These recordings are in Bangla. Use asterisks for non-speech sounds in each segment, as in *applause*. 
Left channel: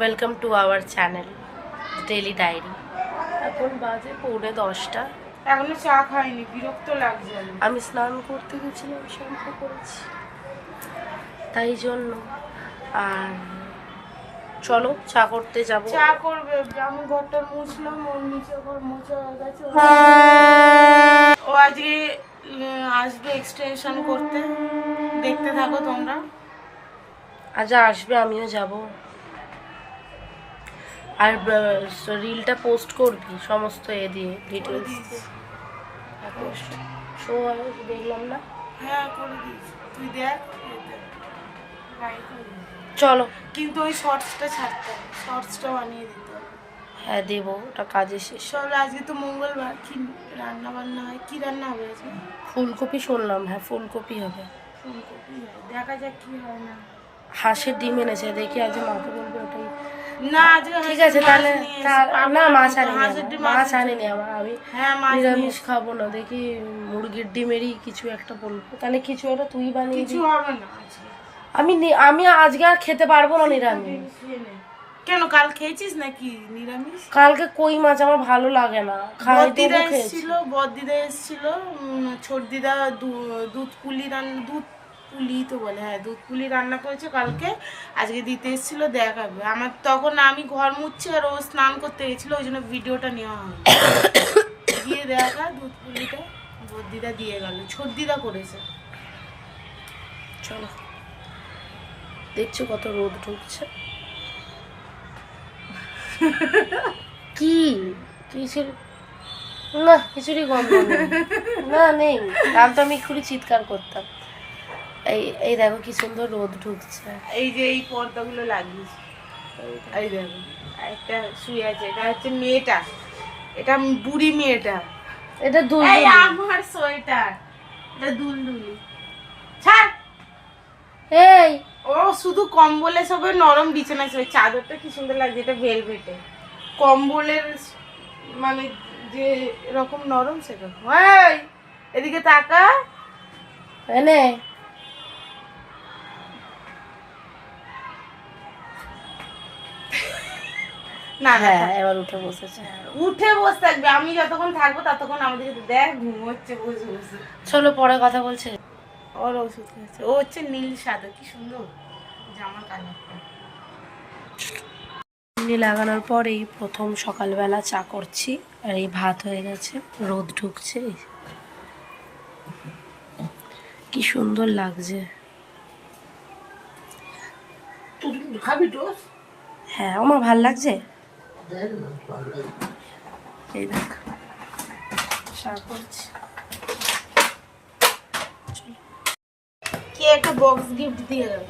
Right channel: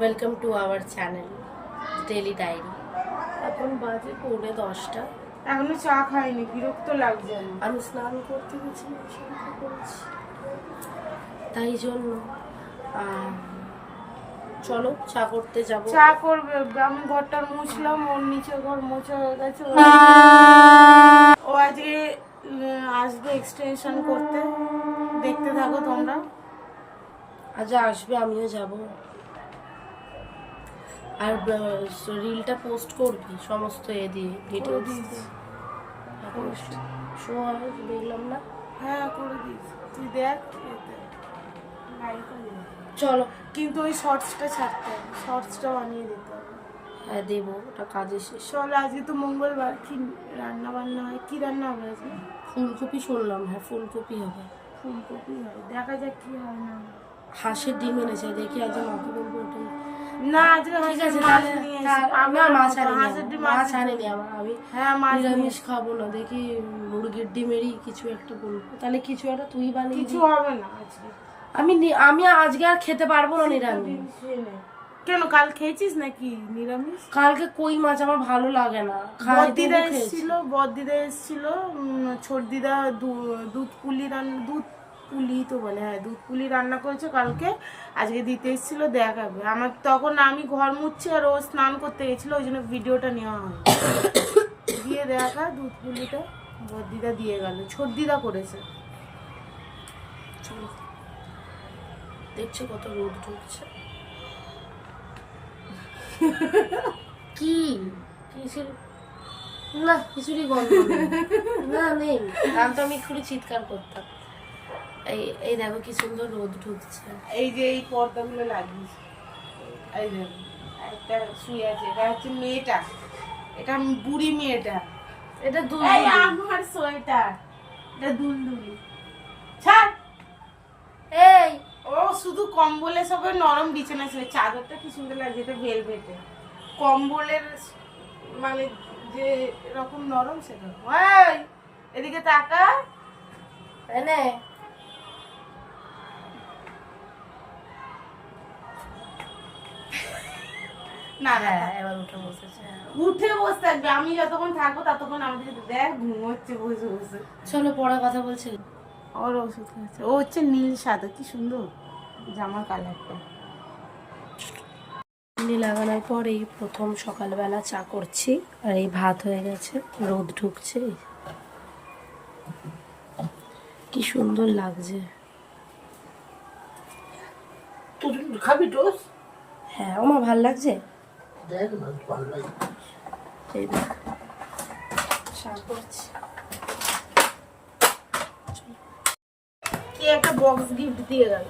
Welcome to our channel daily diary এখন বাজে পৌনে দশটা। এখনও চা খাইনি বিরক্ত লাগছে আমি স্নান করতে গেছিলাম শ্যাম্পু করেছি তাই জন্য। আর চলো চা করতে যাব। চা করবে আমি ঘরটা মুছলাম ওর নিচে ঘর মুছে হয়ে গেছে ও আজকে আসবে এক্সটেনশন করতে। দেখতে থাকো তোমরা। আজ আসবে আমিও যাব। আর রিলটা পোস্ট করবি সমস্ত এ দিয়ে ডিটেলস পোস্ট শো হয় দেখলাম না? হ্যাঁ করে দিয়েছি। তুই দেখ। চলো। কিন্তু ওই শর্টসটা ছাড়তে হবে। শর্টসটা বানিয়ে দিতে হবে। হ্যাঁ দেবো। ওটা কাজে শেষ। চলো আজকে তো মঙ্গলবার। কি রান্না বান্না হয়? কি রান্না হবে আজকে? ফুলকপি শুনলাম। হ্যাঁ ফুলকপি হবে। ফুলকপি হয়। দেখা যাক কি হয় না হাঁসের ডিম এনেছে। দেখি আজ মাকে বলবে ওটাই না ঠিক আছে তাহলে না মাছ আনিনি মাছ আনিনি আমার আমি। হ্যাঁ নিরামিষ খাব না দেখি মুরগির ডিমেরই কিছু একটা বলব। তাহলে কিছু একটা তুই বানিয়ে কিছু হবে না আজকে। আমি আমি আজকে আর খেতে পারব না নিরামিষ। কেন কাল খেয়েছিস নাকি নিরামিষ? কালকে কই মাছ আমার ভালো লাগে না। খেয়েছি। এসেছিল বদ্দিদা এসেছিল ছোট দিদা দুধ পুলি রান্না দুধ পুলি তো বলে হ্যাঁ দুধ পুলি রান্না করেছে কালকে, আজকে দিতে এসেছিল, দেখাবে। আমার তখন আমি ঘর মুছছি আর ও স্নান করতে গেছিল, ওই জন্য ভিডিওটা নেওয়া হয় দিয়ে দেখা দুধ পুলিটা বদ্দিদা দিয়ে গেল দিদা করেছে। চলো, দেখছ কত রোদ ঢুকছে। কি? কিছু না, কিছুরই গন্ধ না, নেই। গান তো আমি এক্ষুনি চিৎকার করতাম। এই এই দেখো কি সুন্দর রোদ ঢুকছে। এই যে এই পর্দাগুলো লাগিয়েছি। এই দেখো একটা শুয়ে আছে এটা হচ্ছে মেয়েটা। এটা বুড়ি মেয়েটা। এটা এই আমার সোয়েটার এটা দুলদুলি। ছাড়। এই। ও শুধু কম্বলে সবে নরম বিছানায় শোয় চাদরটা কি সুন্দর লাগছে এটা ভেলভেটে। কম্বলের মানে যে এরকম নরম সেরকম এদিকে তাকা এনে। না হ্যাঁ এবার উঠে বসেছে উঠে বসে থাকবে। আমি যতক্ষণ থাকব ততক্ষণ আমাদের দেখ ঘুমোচ্ছে বসে বসে। চলো পরে কথা বলছে। ওর ওষুধ খাচ্ছে ও হচ্ছে নীল সাদা কি সুন্দর। জামা কালারটা চিনি লাগানোর পর এই প্রথম সকালবেলা চা করছি আর এই ভাত হয়ে গেছে রোদ ঢুকছে। কি সুন্দর লাগছে। খাবি হ্যাঁ আমার ভালো লাগছে? এই দেখ। কে একটা বক্স গিফট দিয়ে গেল?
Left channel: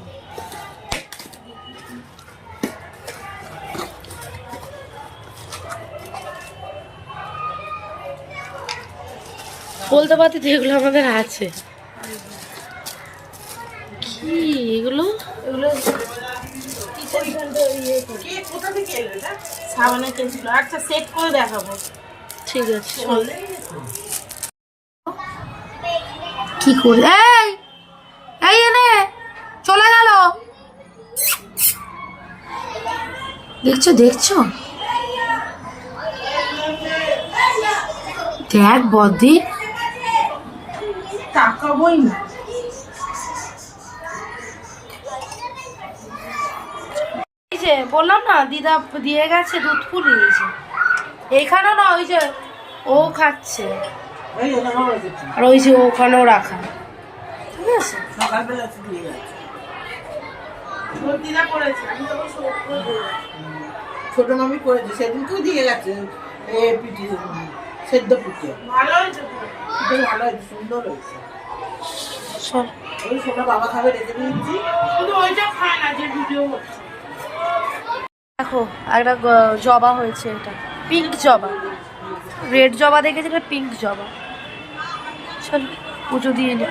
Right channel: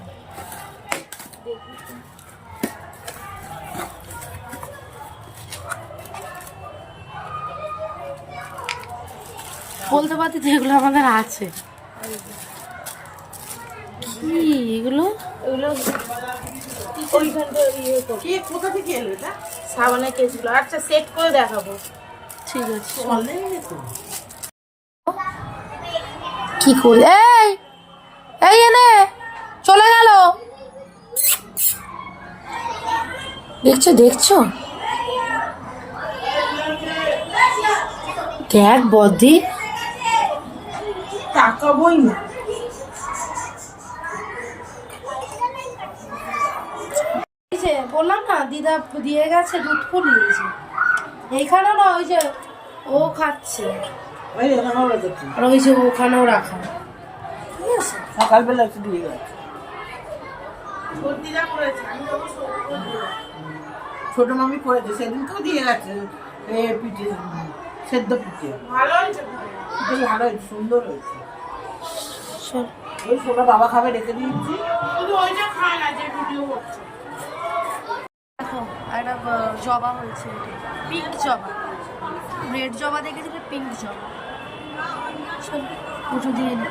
বলতে পারতি তো এগুলো আমাদের আছে। কি এগুলো? এগুলো সাবানের কেসগুলো। আচ্ছা সেট করে দেখাবো। ঠিক আছে। কি করে? এই! এই এনে! চলে গেল। দেখছ দেখছ? দেখ বদি তাকাবোই না যে বললাম না দিদা দিয়ে গেছে দুধ পুলি এই যে এইখানে না ওই যে ও খাচ্ছে। আর ওই যে ওখানেও রাখা। ঠিক আছে? সকালবেলা একটু দিয়ে গেছে। ছোট মামি করেছে সেদিনকেও দিয়ে গেছে এ পিঠে সেদ্ধ পিঠে। ভালো হয়েছে ভালো হয়েছে সুন্দর হয়েছে। ওই ছোটো বাবা খাবে রেখে দিয়েছি। শুধু ওইটা খায় না যে ভিডিও করছে দেখো, একটা জবা হয়েছে এটা। পিঙ্ক জবা। রেড জবা দেখেছি, এটা পিঙ্ক জবা। চল, পুজো দিয়ে নি।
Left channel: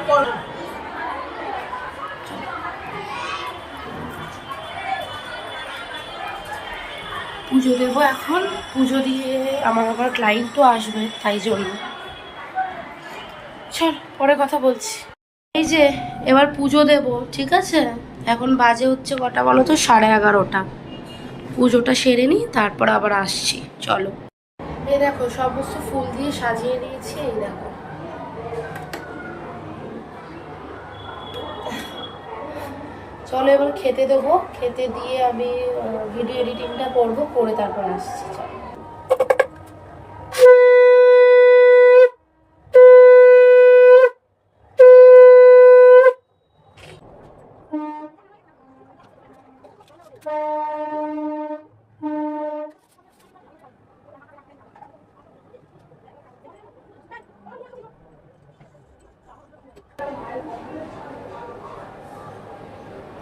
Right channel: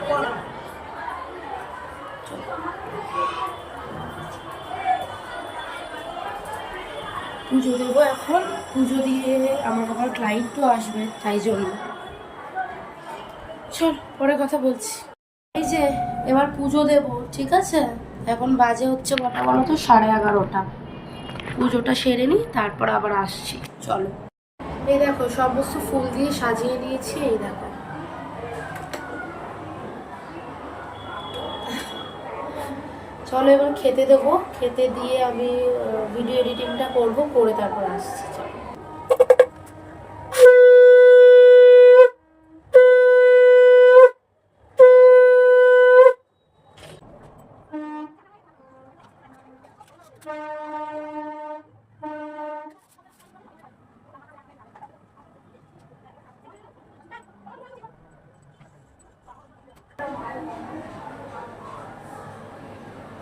পুজো দেবো এখন। পুজো দিয়ে আমার আবার ক্লায়েন্টও আসবে, তাই জন্য। চল, পরে কথা বলছি। এই যে, এবার পুজো দেব, ঠিক আছে? এখন বাজে হচ্ছে কটা বলো তো? সাড়ে এগারোটা। পুজোটা সেরে নিই তারপর আবার আসছি, চলো। এই দেখো, সমস্ত ফুল দিয়ে সাজিয়ে নিয়েছি এই দেখো। চলো এবার খেতে দেবো, খেতে দিয়ে আমি ভিডিও এডিটিংটা করব, করে তারপর আসছি, চলো।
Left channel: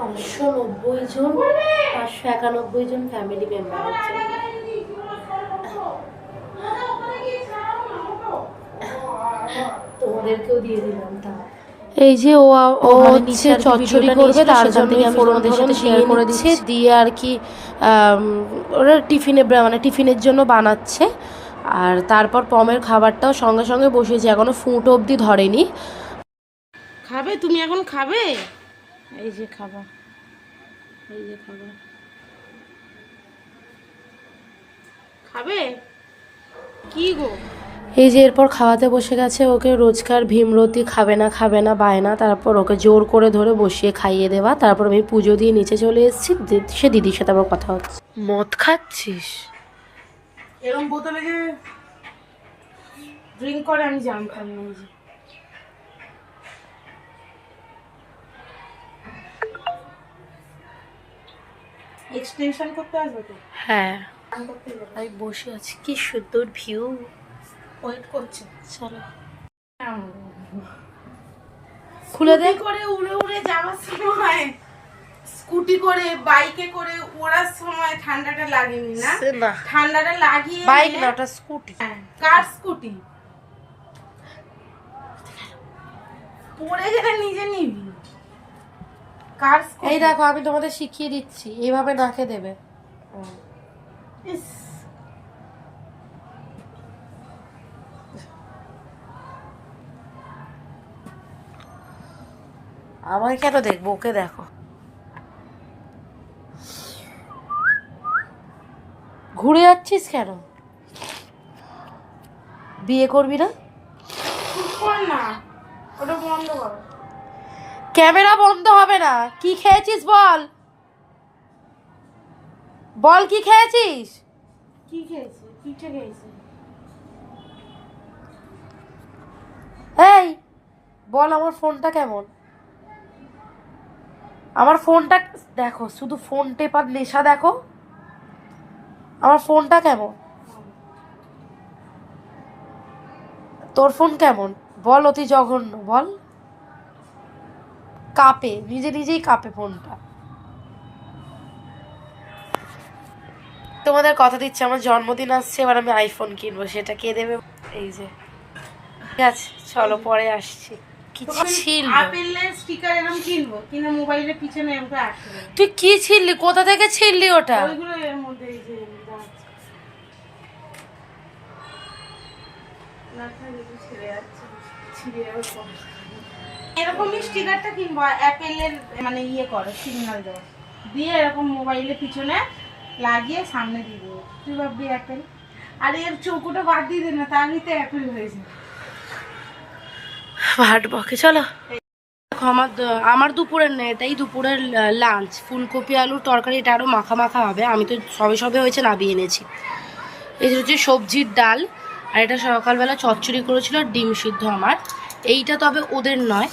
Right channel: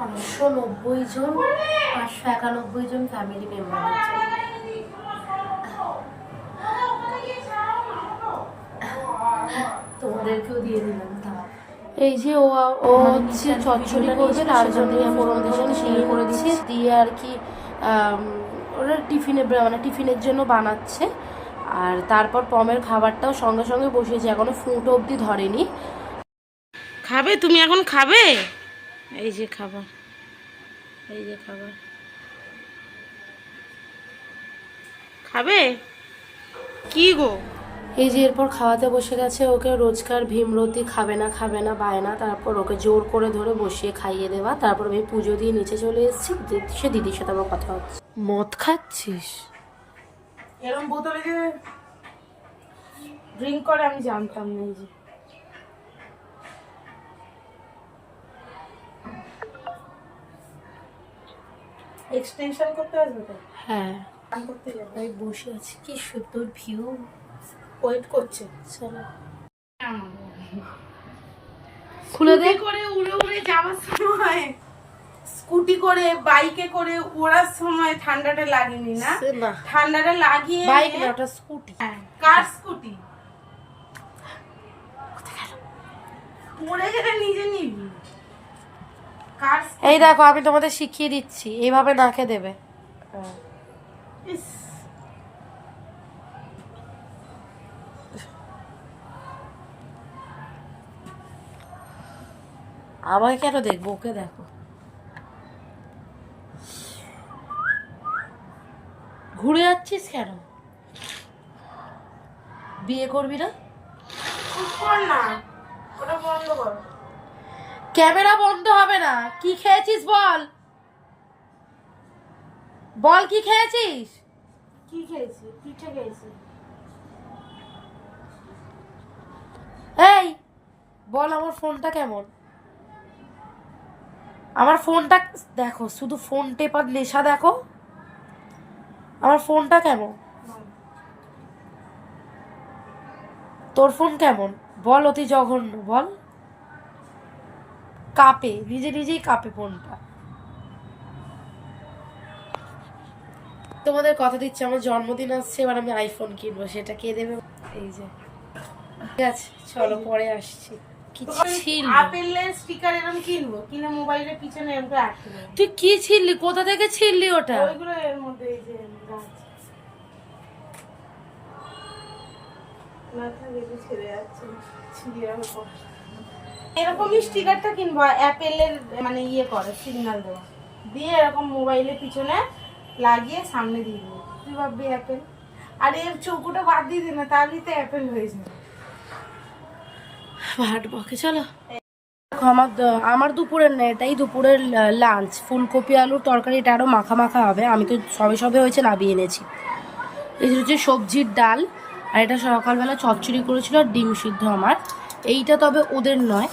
পাঁচশো নব্বই জন পাঁচশো একানব্বই জন ফ্যামিলি মেম্বার আছে। তোমাদেরকেও দিয়ে দিলাম তা এই যে ও ও হচ্ছে চচ্চড়ি করবে তার জন্য আমি তোমাদের সাথে শেয়ার করে দিচ্ছি। দিয়ে আর কি ওরা টিফিনে মানে টিফিনের জন্য বানাচ্ছে। আর তারপর পমের খাবারটাও সঙ্গে সঙ্গে বসিয়েছে এখনও ফুটো অবধি ধরেনি। খাবে? তুমি এখন খাবে? এই যে খাবার এই যে খাবার। খাবে? কি গো? এই যে এরপর খাওয়াতে বসে গেছে ওকে রোজকার ভীমরতি খাবে না খাবে না বায় না তারপর ওকে জোর করে ধরে বসিয়ে খাইয়ে দেওয়া তারপর আমি পুজো দিয়ে নিচে চলে এসেছি সে দিদির সাথে আবার কথা হচ্ছে। মদ খাচ্ছিস? এরকম বোতলে যে ড্রিঙ্ক করে আমি জানতাম না যে। এক্সটেনশন করতে আসবে তো? হ্যাঁ। আমি বসে আছি কি সুন্দর ভিউ ওয়েট করছে। চলো। খুলে দে। স্কুটি করে উড়ে উড়ে যাওয়ার সময় স্কুটি করে বাইকে করে ওড়ার সময় ঠান্ডাটা লাগেনি না? ঠান্ডাটা লাগিয়ে বাইক না ওটা স্কুটি। হ্যাঁ, কার স্কুটি? পড়ে গেলে নিজে নিবি? এই দেখো আমি তোমাদের শিখিয়ে দিচ্ছি। এইভাবে নাকে দেবে। ইস, আমাকে কেন দেখব? ওকে দেখো। ঘুরে যাচ্ছিস কেন? বিয়ে করবি না? না। ওটা বন্ধ কর। ক্যামেরা বন্ধ হবে না। কি খেয়েছিস বল? বল কি খেয়েছিস? কি খেয়েছি? পিঠে খেয়েছি। এই বল আমার ফোনটা কেমন? আমার ফোনটা দেখো শুধু ফোন টেপার নেশা দেখো। আমার ফোনটা কেমন? তোর ফোন কেমন? বল অতি জঘন্য বল। কাঁপে নিজে নিজেই কাঁপে ফোনটা। তোমাদের কথা দিচ্ছে আমার জন্মদিন আসছে এবার আমি আইফোন কিনবো সেটা কে দেবে? এই যে। ঠিক আছে চলো পরে আসছি। তুই কি ছিললি কোথা থেকে ছিললি ওটা? ছেড়ে যাচ্ছে। ছিঁড়ে পরে। এরকমই স্টিকারটা কিনবো অ্যাপেলের মানে ইয়ে করে, সিগন্যাল দেওয়া। দিয়ে এরকম মোবাইলের পিছনে লাগিয়ে সামনে দিয়ে দেবো। তুই ভাববি অ্যাপেল? আর এর চৌকুটা বাদ দিয়ে দে না, তাহলেই তো অ্যাপেল হয়ে যাবে। ভাট বকে, চলো। আমার আমার দুপুরের না, এটাই দুপুরের লাঞ্চ ফুলকপি আলুর তরকারি, এটা আরও মাখা মাখা হবে। আমি তো সবে সবে হয়েছে নাবিয়ে এনেছি। যে হচ্ছে সবজির ডাল, আর এটা সকালবেলা চচ্চড়ি করেছিল আর ডিম সিদ্ধ আমার। এইটা তবে ওদের নয়।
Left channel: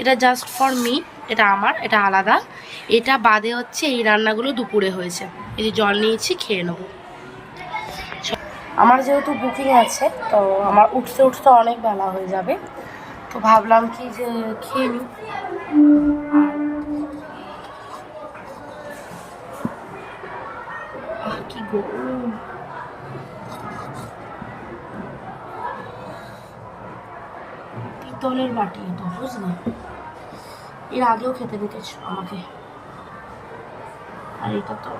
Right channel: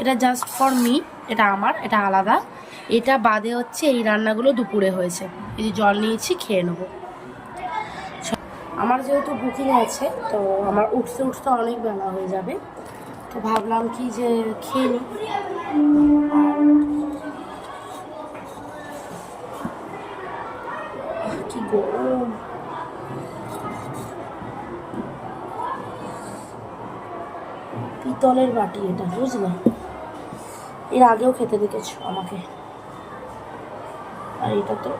এটা জাস্ট ফর মি এটা আমার, এটা আলাদা। এটা বাদে হচ্ছে এই রান্নাগুলো দুপুরে হয়েছে। এই যে জল নিয়েছি, খেয়ে নেব। আমার যেহেতু বুকিং আছে, তো আমার উঠতে উঠতে অনেক বেলা হয়ে যাবে। তো ভাবলাম কি যে খেয়ে নিই। কি পিতলের বাটি এটা, বুঝলে? এর আগেও খেতে দিতেছ আমাকে। আর এটা তো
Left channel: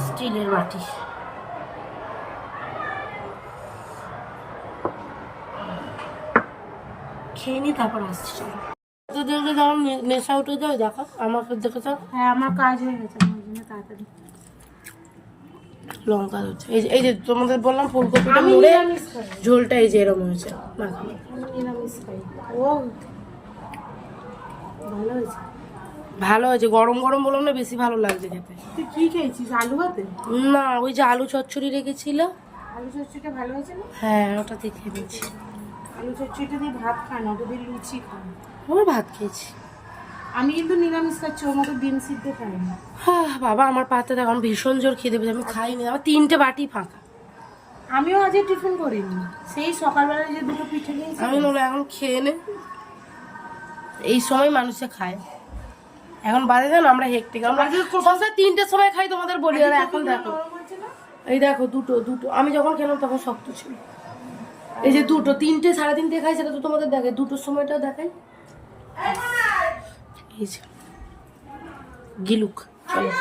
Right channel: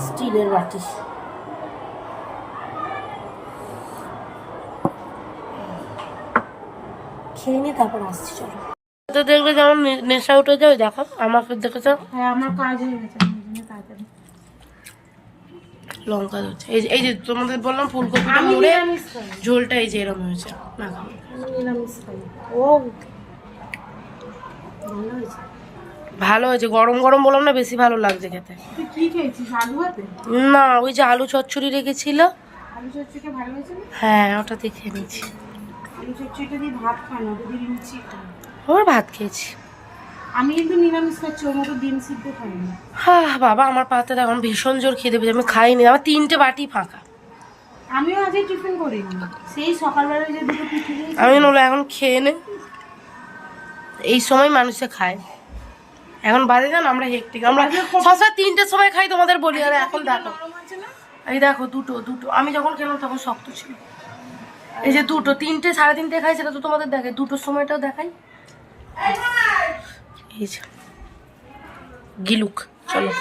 স্টিলের বাটি। খেয়ে নি তারপর আসছি চলো। হাতে দেখলে যেমন নে- নেশা উঠে যায় ওই দেখো আমাকে দেখেছ হ্যাঁ আমার কাজ হয়ে গেছে তাড়াতাড়ি। লঙ্কা দিচ্ছে এই যে এই যে তোমাদের বললাম ফুলকপিটা মুড়ে ঝোলটা এই যে এরকম হয়েছে। মাখা ভালো হয়েছে। গরম গরম বললাম না বেশি ভালো লাগছে খেতে। তুই কি খেয়েছিস আলু ভাতে? না ওই যে আলু চচ্চড়ি রেখেছিল। আলু চচ্চড়িটা ভালো হয়েছে না? হ্যাঁ ওটা দিয়ে খেয়ে নিচ্ছি আলু চচ্চড়িটা দিয়ে ভাত খায় না ওটা লুচি খায়। ওর ভাত খেয়েছি। আমি কিন্তু নিরামিষ খাচ্ছি ওর মতো ডিম সিদ্ধ খাই না হ্যাঁ বাবা আমার পাতে এখন ভীষণ জোর আমি খাইনি। আমার তিনটে বাটি ফাঁকা। আমিও আজকে টিফিন করিনি। সেই সকালবেলায় যে দুটো পিঠে আমি বললাম এখন খেয়ে নে। এই সময় মানুষে খায়। এখন বাজে জানো আমরা হেক্টিক আমরা সবসময় তিনটের সময় খাই তোমাদের বলি আর এখন দেখো। এই দেখো দুটো দুটো। আমি যখন খেলাম তখন শক্ত ছিল। এই যে দুটো তিনটে সাড়ে তিনটে খাই সেটা তো তোমাদের দেখে দুটোর সময়টাও দেখাই। এই যে। গিলুক চলো।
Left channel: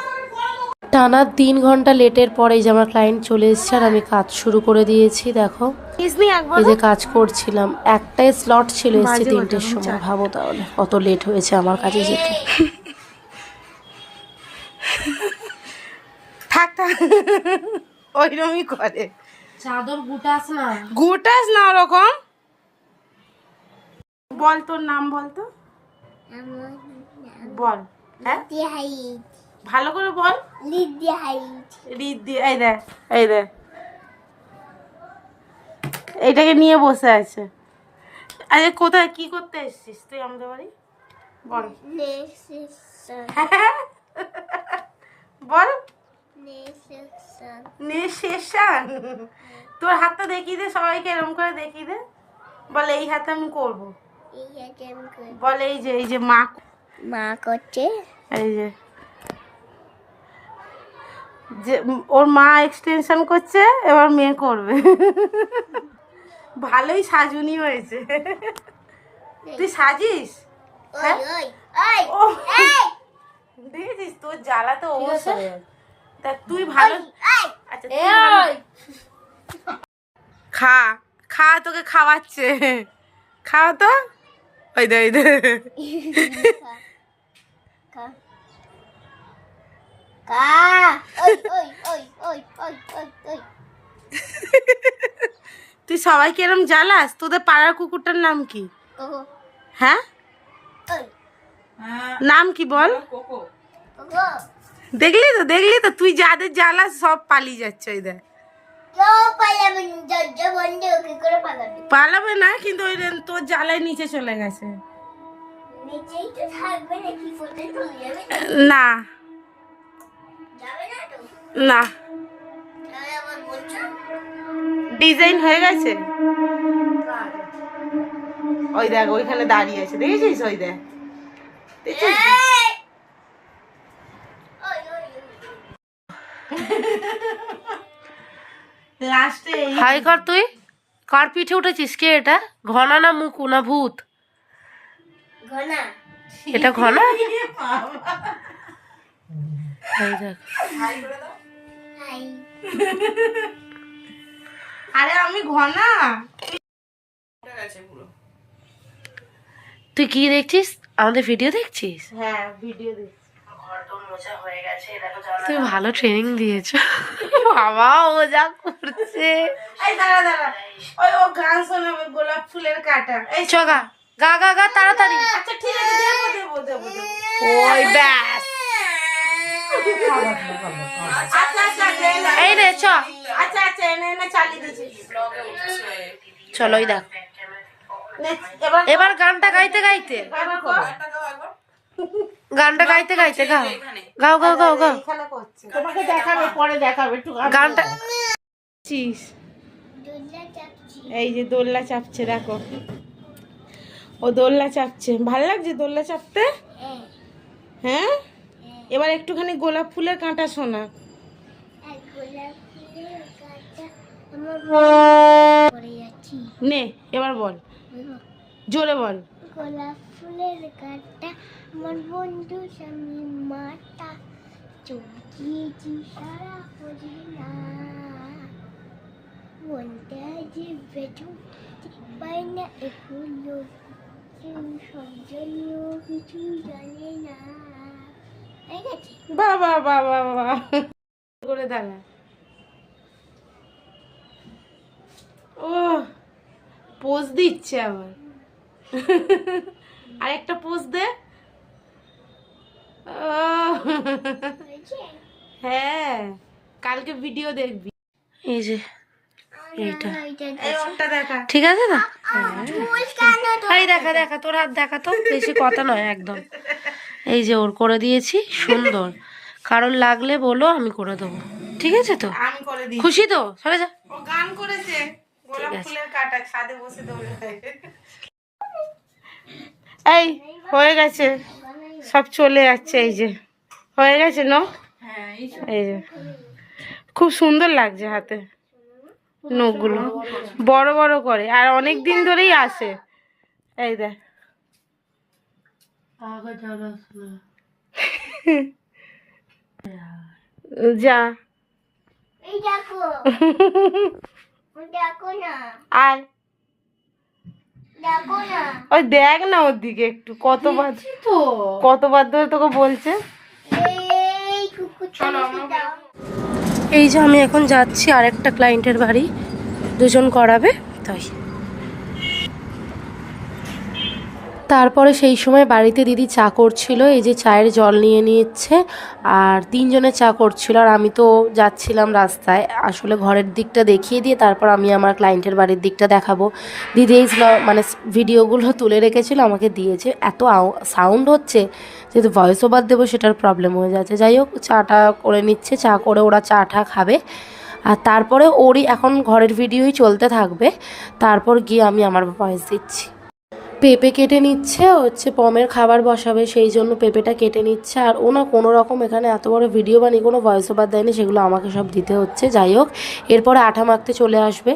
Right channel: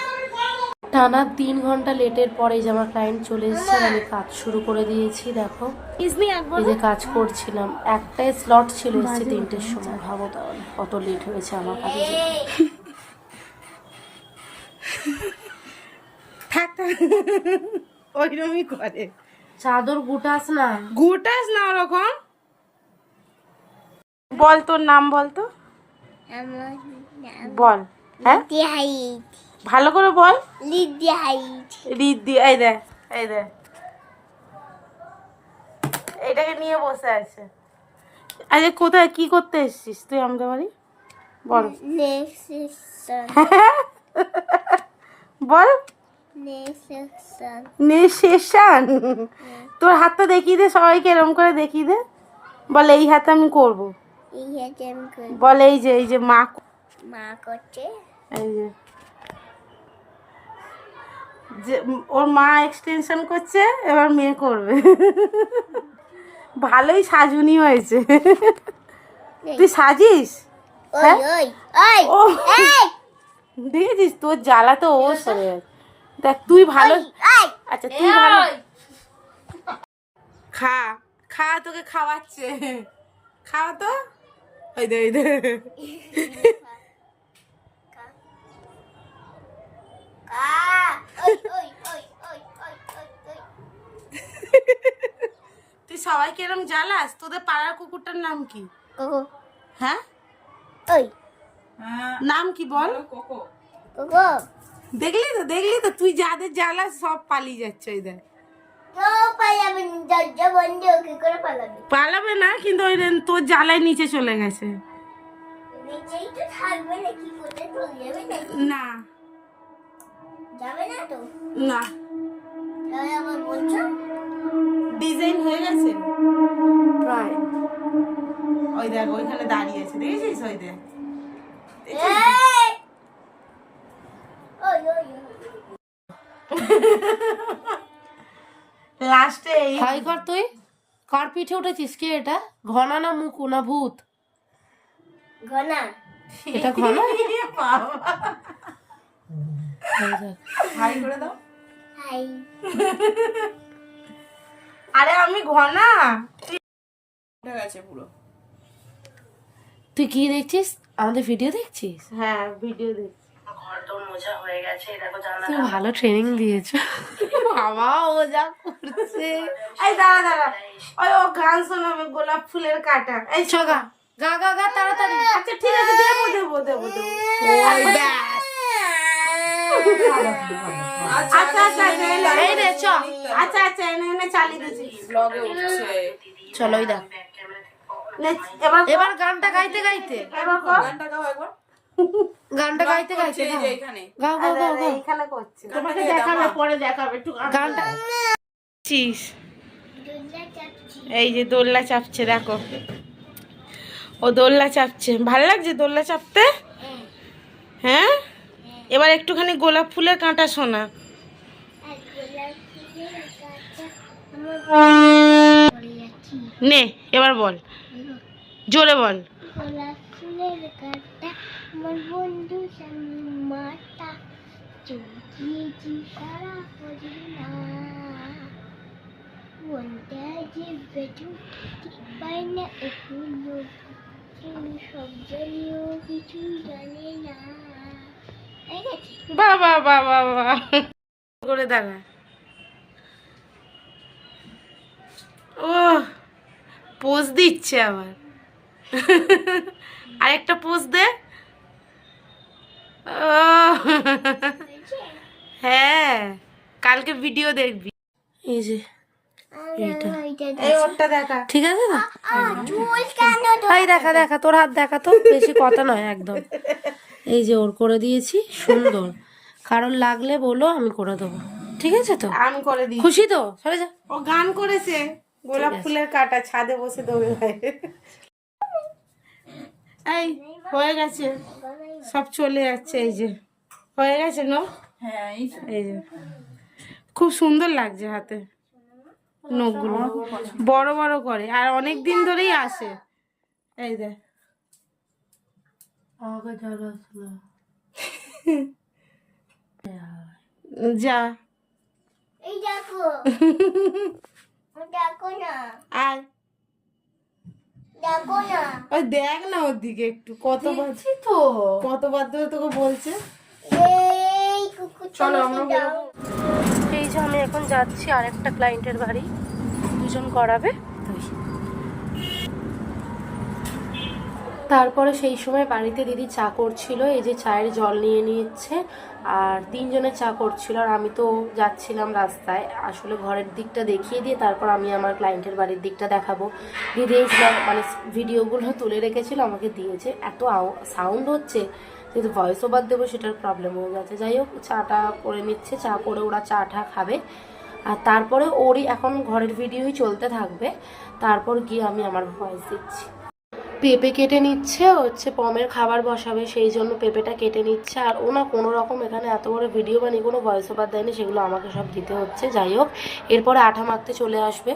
টানা তিন ঘণ্টা লেটের পরে এই যে আমার ক্লায়েন্ট চলে এসছে আর আমি কাজ শুরু করে দিয়েছি দেখো। একবার এই যে কাজ করছিলাম একটাই স্লট ছিল এসছে তিনটের সময়। ভাবো তাহলে কত লেট হয়েছে আমার কাছে যেতে। থাক থাক। ওইরকমই করে। চাদর গুটাস না। গুটাস না ওরকম? বল তোর নাম বল তো। বল হ্যাঁ? ভালো করে বল। রিদ্ধি এই দে এই দে। এইটাকে নিয়ে বসে আছে। আরে কোথায়? কি করতে এসেছিস তুই আমাদের বাড়ি? বল। *laughs* বল। নেশন তোর হাতটা দেখিয়ে দে সবাইকে এরম করে দেখিয়ে দে। বল এই হাতে আমি করব। বল এই যে এই যে মা মা করছে। এই যে। যে ওর মা এক্সটেনশন করছে এবার মেয়ে করবে। ভালোই সাজুনি হয়েছে। তুই সাজিস? ও দেখেছিস তোর জ্বালা তো ও সরে দেখ তুই ভালো আচ্ছা তুই ভালো খা খা তোকে খাওয়াচ্ছে। খাও তো। ওই দে ওই দে। *laughs* *laughs* তুই সবাইকে এরম জ্বালাস? তোদের পাড়ার কুকুরটার নাম কি? হ্যাঁ? নাম কি বল? দেখলি তো দেখলি তো? তুই যাদের জ্বালাস সব পালিয়ে যাচ্ছে ওই দেখ। পালাবে না, কিন্তু ওই দেখ তোর জ্বালায় নিচে চলে গেছে। না। না? ডিজাইন হয়ে গেছে? ওই দেখ ওইখানে দাঁড়িয়ে আছে। দেখেছিস? ওই দেখ। লাস্টে এই হাই কর তুই। কার পিঠে উঠেছিস? কে এটা? ঘনা না মুকু না ভূত? ঘনা। এটা ঘনা। *laughs* এই দেখ আরে আমি ঘনা। তুই কি দেখছিস? আমাদের ভিডিও দেখছিস? হ্যাঁ ভিডিও দেখ তুমি ভালো ট্রেনিং দিয়েছ। বাবা ও যা করছে। এই দাঁড়া দাঁড়া। ওই ও গান শোনাবে গোলাপ ফুলের কাটা। এই চ গা গা গা গা তাড়াতাড়ি। আচ্ছা ঠিক আছে দেবো দেবো দেবো দেবো। ওই ব্যাস। আচ্ছা আচ্ছা আচ্ছা এই রে চ। আচ্ছা আচ্ছা এনে এনে চালিয়ে দিচ্ছি। চলো দেখ। এবার এবার গানটা গাইতে গাইতে। গানটা গাইতে গাইতে গাও গাও গাও গাও। গাও তোমাকে দেখাবে পরে দেখাবে একটু গানটা চিস এই যে দোলনা চাপছে দেখো। ও দোলনা চাপছে। ভালো লাগছে দোলনা চাপতে? হ্যাঁ? এবার একটুখানি গোলাপ ফুলের কাঁটা শোনা। নে এবার বল। জোরে বল। গোলাপ ফুলের গাছটা আমার বন্ধু স্বামী মাতা চুকিয়েছি সারা করি না বলতে যে বেটু পাই না এগুলো সব জানিও কিছু জানে না। বাবা বাবা বাবা করে দাঁড়া। ও পোজ দিচ্ছে আবার। *laughs* আরেকটা পোজ দে। হ্যাঁ কালকে ভিডিও দেখবি। এই যে এইটা। ঠিক আছে না এই দেখা দেখা তোর হাত দেখা তো বেশি কথা নয় একদম। এই যে ওর করে দিয়েছি সুন্দর। কারণ লাগলে বলো আমি করে দেবো। ঠিক আছে তো? খুশি তো? সরে যা। ও গান করেছে। গোলাপ ফুলের কাটা ছাদে বসে এই হয়ে গেছে। সব চলে যাচ্ছে এই যে। হয়ে গেছে ন? হ্যাঁ এই এই যে। খুব সুন্দর লাগছে হাতে নখগুলো। বড় বড় করে। আর অনেক দিন ধরেই আসে। এই দেখ। যা আয় *laughs* *laughs* ওই দেখ না ওর দিকে একটু কতবার তো। কতবার ধরে তোকে বলছে। এই এই যে আমি এখন যাচ্ছি আরেকটা ক্লায়েন্টের বাড়ি। দুজন করাবে তাই। তারপরে সেই সময় বাড়িতে দিদি চা করছিল, এই যে চায়ের জল নিয়ে নিচ্ছে আর তিনজনে চা করছিল আর আমি তো যাচ্ছিলাম রাস্তায়। আসলে ঘরের দিকটা দেখিয়ে দিয়ে তারপর আমি আমার ক্লায়েন্টের বাড়ির দিকটা দেখাবো। দিদি এই মানে ভিডিওগুলো তুলে রেখেছিল, আমাকে দিয়েছে। এত সাউন্ড হচ্ছে যেহেতু ভয়েস ওভার দেবো সেটার প্রবলেম হয়ে যাচ্ছে। যাই হোক, চাটা করে নিচ্ছে, চা করে ওরা চা টা খাবে। আর তারপরে ওরই এখন ঘরের ভিডিওই চলতে থাকবে। তারপর গিয়ে আমি আমার ভয়েস দিচ্ছি। পেঁপে কেটে নিচ্ছে, হচ্ছে পমের খাবার বসাবে, সেই জন্য পেঁপেটা কেটে নিচ্ছে। আর ও না কোনো রকম এখানে এত বড় ভিডিও বানিয়ে কোনো ভয়েস ওভার দেয়নি, সেগুলো আমাকে সব দিতে হচ্ছে। যাই হোক, এরপরে আঠা মাখতে চলে আসবে।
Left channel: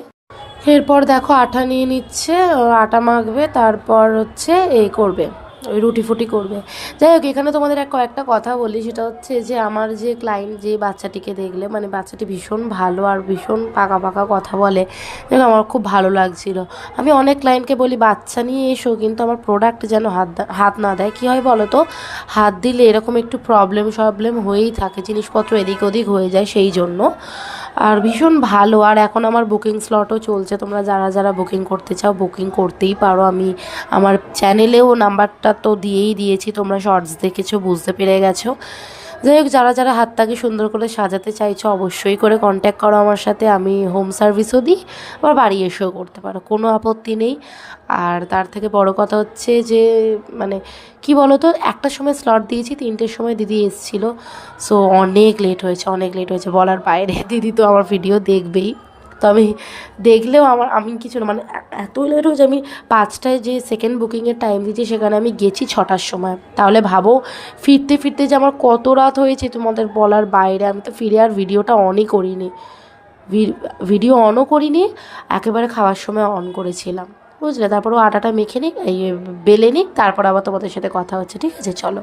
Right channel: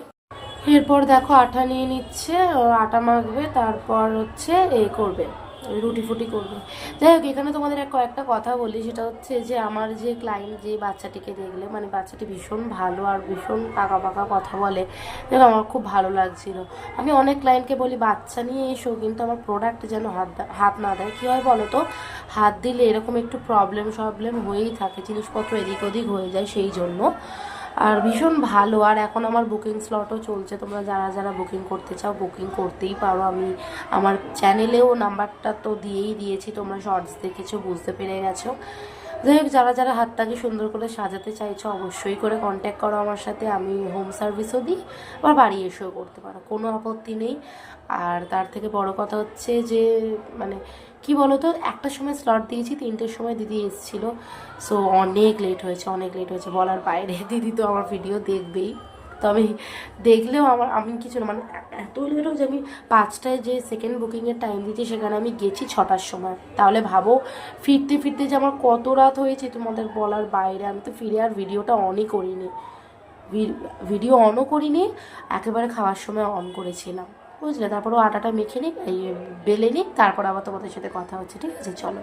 এরপর দেখো আঠা নিয়ে নিচ্ছে আটা মাখবে, তারপর হচ্ছে এই করবে। ওই রুটি ফুটি করবে। যাই হোক, এখানে তোমাদের এক কয়েকটা কথা বলি। সেটা হচ্ছে যে, আমার যে ক্লায়েন্ট যে বাচ্চাটিকে দেখলে মানে বাচ্চাটি ভীষণ ভালো আর ভীষণ পাকা পাকা কথা বলে যেন আমার খুব ভালো লাগছিল। আমি অনেক ক্লায়েন্টকে বলি, বাচ্চা নিয়ে এসো, কিন্তু আমার প্রোডাক্ট যেন হাত হাত না দেয়। কী হয় বলো তো হাত দিলে এরকম একটু প্রবলেম সবলেম হয়েই থাকে, জিনিসপত্র এদিক ওদিক হয়ে যায় সেই জন্য। আর ভীষণ ভালো। আর এখন আমার বুকিং স্লটও চলছে। তোমরা যারা যারা বুকিং করতে চাও বুকিং করতেই পারো। আমি আমার চ্যানেলেও নাম্বারটা তো দিয়েই দিয়েছি। তোমরা শর্টস দেখেছ, বুঝতে পেরে গেছো। যাই হোক, যারা যারা হাতটাকে সুন্দর করে সাজাতে চাইছো, অবশ্যই করে কন্ট্যাক্ট করো আমার সাথে। আমি হোম সার্ভিসও দিই, আবার বাড়ি এসেও করতে পারো। কোনো আপত্তি নেই। আর তার থেকে বড় কথা হচ্ছে যে মানে কি বলো তো একটার সময় স্লট দিয়েছি, তিনটের সময় দিদি এসেছিল। সো অনেক লেট হয়েছে, অনেক লেট হয়েছে। বলার বাইরে *laughs* দিদি তো আমার ভিডিও দেখবেই। তবে দেখলেও আমার, আমি কিছু মানে এত লেট হয়েছে, আমি পাঁচটায় যে সেকেন্ড বুকিংয়ের টাইম দিয়েছি, সেখানে আমি গেছি ছটার সময়। তাহলে ভাবো, ফিরতে ফিরতে যে আমার কত রাত হয়েছে তোমাদের বলার বাইরে। আমি তো ফিরে আর ভিডিওটা অনই করিনি। ভিডিও অনও করিনি, একেবারে খাওয়ার সময় অন করেছিলাম। বুঝলে? তারপর ও আটাটা মেখে নিক, এই বেলে নিক, তারপর আবার তোমাদের সাথে কথা হচ্ছে, ঠিক আছে? চলো।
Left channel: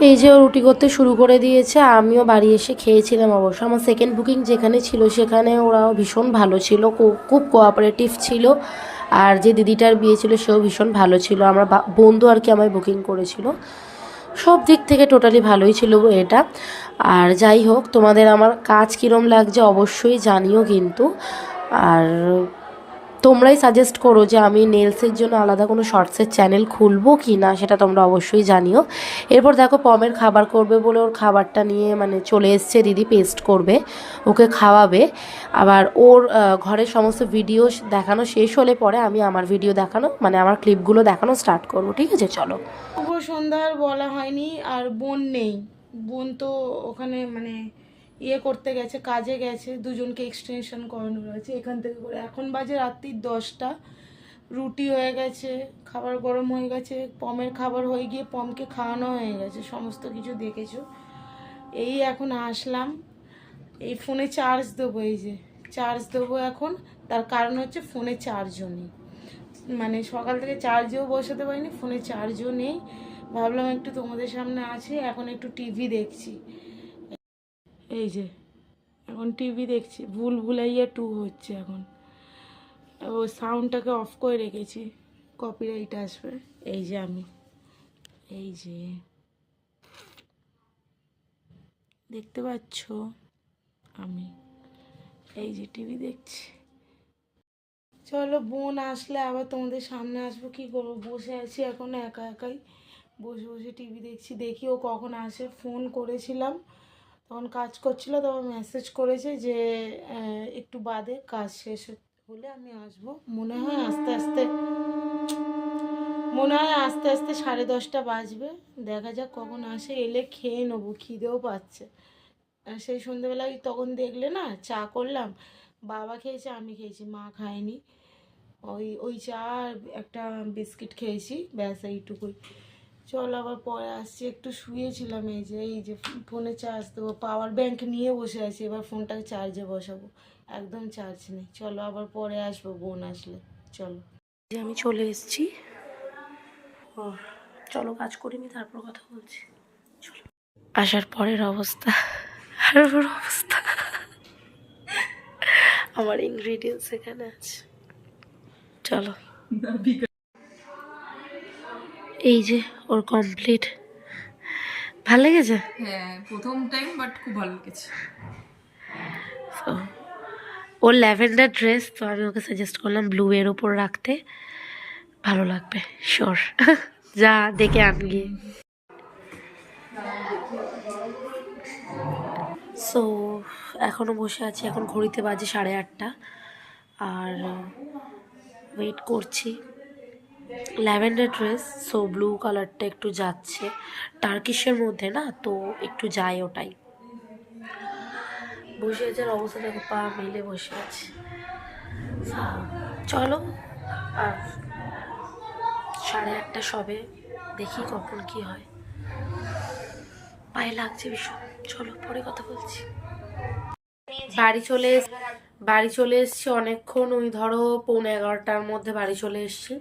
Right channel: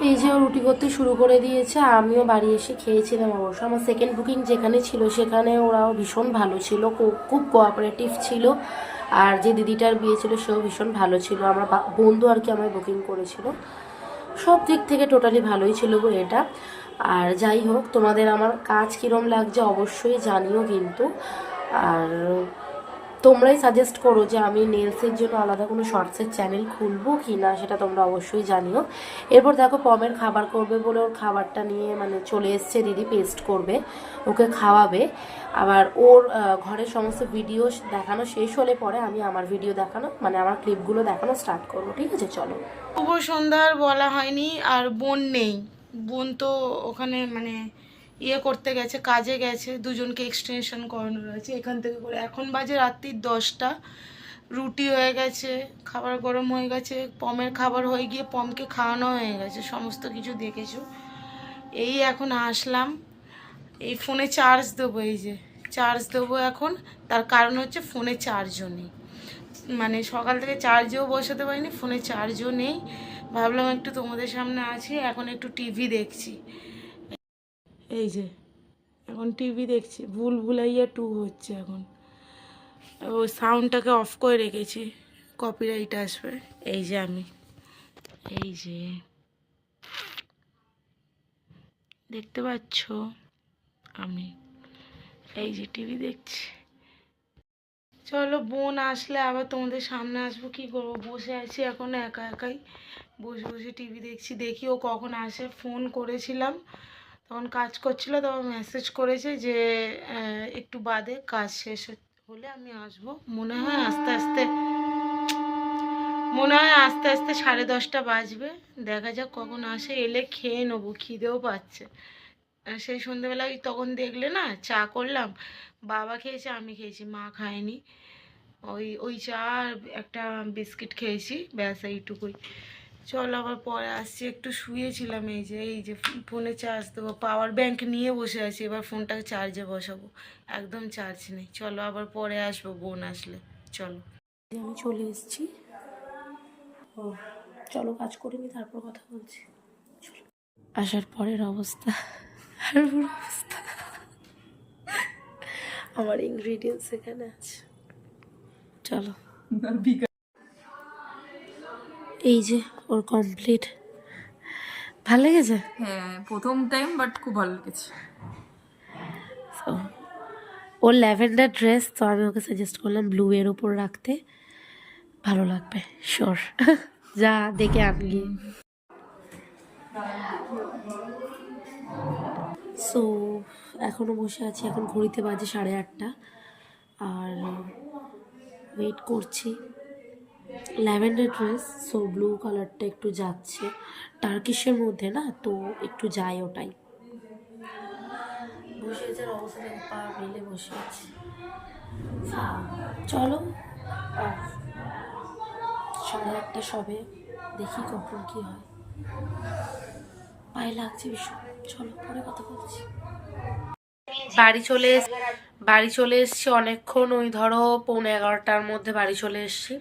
এই যে রুটি করতে শুরু করে দিয়েছে, আমিও বাড়ি এসে খেয়েছিলাম অবশ্য। আমার সেকেন্ড বুকিং যেখানে ছিল, সেখানে ওরাও ভীষণ ভালো ছিল খুব কোঅপারেটিভ ছিল। আর যে দিদিটার বিয়ে ছিল, সেও ভীষণ ভালো ছিল। আমরা বন্ধু আর কি আমায় বুকিং করেছিল। সব দিক থেকে টোটালি ভালোই ছিল এটা। আর যাই হোক, তোমাদের আমার কাজ কীরম লাগছে অবশ্যই জানিও কিন্তু। আর তোমরাই সাজেস্ট করো যে আমি নেলসের জন্য আলাদা কোনো শর্টসের চ্যানেল খুলবো কি না, সেটা তোমরা অবশ্যই জানিও। এরপর দেখো, পমের খাবার করবে বলে ওর খাবারটা নিয়ে মানে চলে এসছে, দিদি পেস্ট করবে, ওকে খাওয়াবে। আবার ওর ঘরের সমস্ত ভিডিও দেখানো শেষ হলে পরে আমি আমার ভিডিও দেখানো মানে আমার ক্লিপগুলো দেখানো স্টার্ট করব, ঠিক আছে? চলো। শুভ সন্ধ্যার বলা হয়নি, আর বোন নেই। বোন তো ওখানে মানে ইয়ে করতে গেছে, কাজে গেছে, দুজনকে এক্সটেনশন করানো রয়েছে, এখান থেকে করে। এখন বাজে রাত্রির দশটা, রুটি হয়ে গেছে, খাবার গরম হয়ে গেছে, পমের খাবার হয়ে গিয়ে পমকে খাওয়ানো হয়ে গেছে, সমস্ত কিছু দেখেছ। এই এখন আসলাম, এই ফোনে চার্জ দেবো, এই যে চার্জ দেবো এখন, তার কারণ হচ্ছে ফোনে চার্জও নেই। মানে সকাল থেকে চার্জেও বসাতে পারিনি, ফোনে চার্জও নেই। ভাবলাম একটু তোমাদের সামনে আছি, এখন একটু টিভি দেখছি। এই যে, এখন টিভি দেখছি ভুল ভুলাইয়া টু হচ্ছে এখন। ও সাউন্ডটাকে অফ করে রেখেছি কপিরাইট আসবে। এই যে আমি, এই যে। দেখতে পাচ্ছ আমি, এই যে টিভি দেখছি। চলো বোন আসলে আবার তোমাদের সামনে আসব, কি করব? বসে আছি এখন একা একাই। বসে বসে টিভি দেখছি, দেখি ও কখন আসে। ফোন করেছিলাম তখন কাজ করছিল, তখন মেসেজ করেছে যে একটু বাদে কাজ শেষ হলে আমি আসব। মনে হয় আস্তে আস্তে, মনে হয় আস্তে আস্তে সাড়ে দশটা বাজবে। দেখা যাক কখন আসে। এলে খেয়ে নেব, খিদেও পাচ্ছে। সেই সন্ধেবেলা ওই তখন দেখলে না, চা করলাম। বাবা খেয়েছে, আমি খেয়েছি, মা খায়নি। ওই ওই চা একটা বিস্কিট খেয়েছি, ব্যাস এইটুকুই। চল আবার পরে আসছি। একটু শুয়েছিলাম এই যে এই যে ফোনে চার্জ দেবো। পাওয়ার ব্যাংক নিয়ে বসে আছি। এবার ফোনটাকে চার্জে বসাবো। একদম চার্জ নেই। চলো আবার পরে আসব বোন আসলে। চলো। যে আমি চলে এসেছি। ও চলো কাজ করিনি তারপর কথা বলছি। চলো। আসার পরের অবস্থা। আর ওর অবস্থা। আমার ইনগ্রিডিয়েন্টস এখানে আছে। চলো। এই যে ওর কমপ্লিট ভালো লেগেছে? হ্যাঁ প্রথম টাইম বাট খুব ভালো লেগেছে। ওর ল্যাভেন্ডার ড্রেস তো আমি ওকে সাজেস্ট করলাম ব্লু এর ওপর রাখতে। ভালো লাগবে শিওর *laughs* যা দেখে আনগি সো এখনও বসে আছি এখন ঘড়িতে বাজে সাড়ে আটটা। আর ওয়েট করছি। ল্যাভেন্ডার ড্রেস সো ব্লু কালারটা একটু যাচ্ছে। টার্কিশের মধ্যে না, তো একটু যায় ওটাই। বসে আছে অবস্থা দেখো, পা মিলে বসে আছে। চলো, আর সাড়ে আটটা সবে দেখি কখন কি হয়। পায়ে লাগছে ভীষণ। চলো, পরে কথা বলছি। বাড়ি চলে বাড়ি চলে এসছি অনেকক্ষণ, ওই ধরো পৌনে এগারোটার মধ্যে বাড়ি চলে এসছি।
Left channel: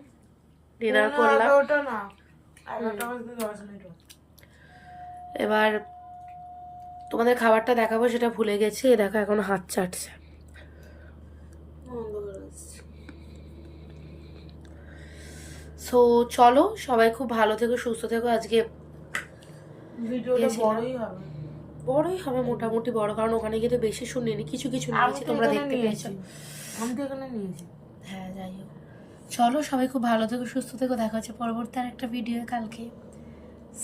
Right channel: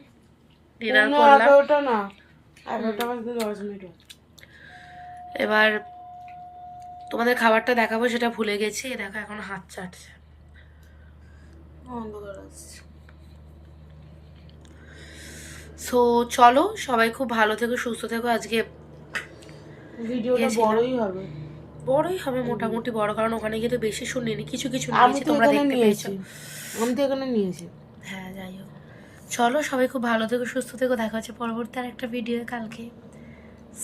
ডিনার করলাম। এবার তোমাদের খাবারটা দেখাবো সেটা ভুলে গেছি। এ দেখো এখন হাত চাটছে। সো চলো সবাই খুব ভালো থেকো সুস্থ থেকো। আজকে। বড়ই হবে। বড়ই হবে মোটামুটি বড় কারণ ওখানে গিয়ে তো বেশি শুনিনি। কিছু কিছু নিয়েছি তোমরা দেখতে। পেয়েছ। হ্যাঁ যাই হোক। চলো সবাই খুব ভালো থেকো সুস্থ থেকো। দেখা হচ্ছে পরবর্তী আর একটা ভিডিও কালকে।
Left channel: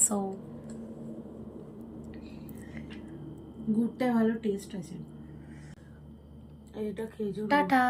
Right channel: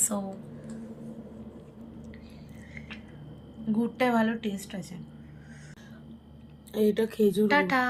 সো গুড়টায় ভালো টেস্ট আছে। এইটা খেজুর টাটা।